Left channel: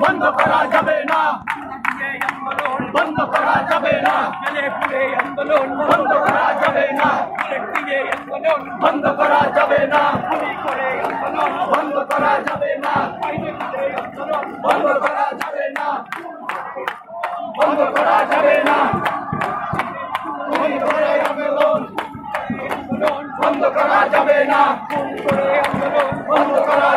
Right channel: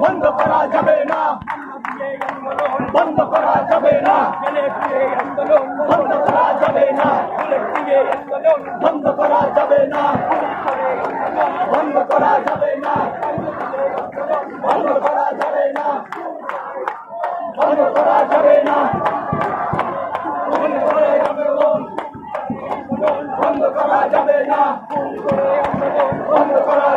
বন্ধ করা যাবে না, বন্ধ করা যাবে না, আন্দোলন বন্ধ করা যাবে না, আন্দোলন বন্ধ করা যাবে না, আন্দোলন বন্ধ করা যাবে না, বন্ধ করা যাবে না, বন্ধ করা যাবে না, আন্দোলন বন্ধ করা যাবে না, বন্ধ করা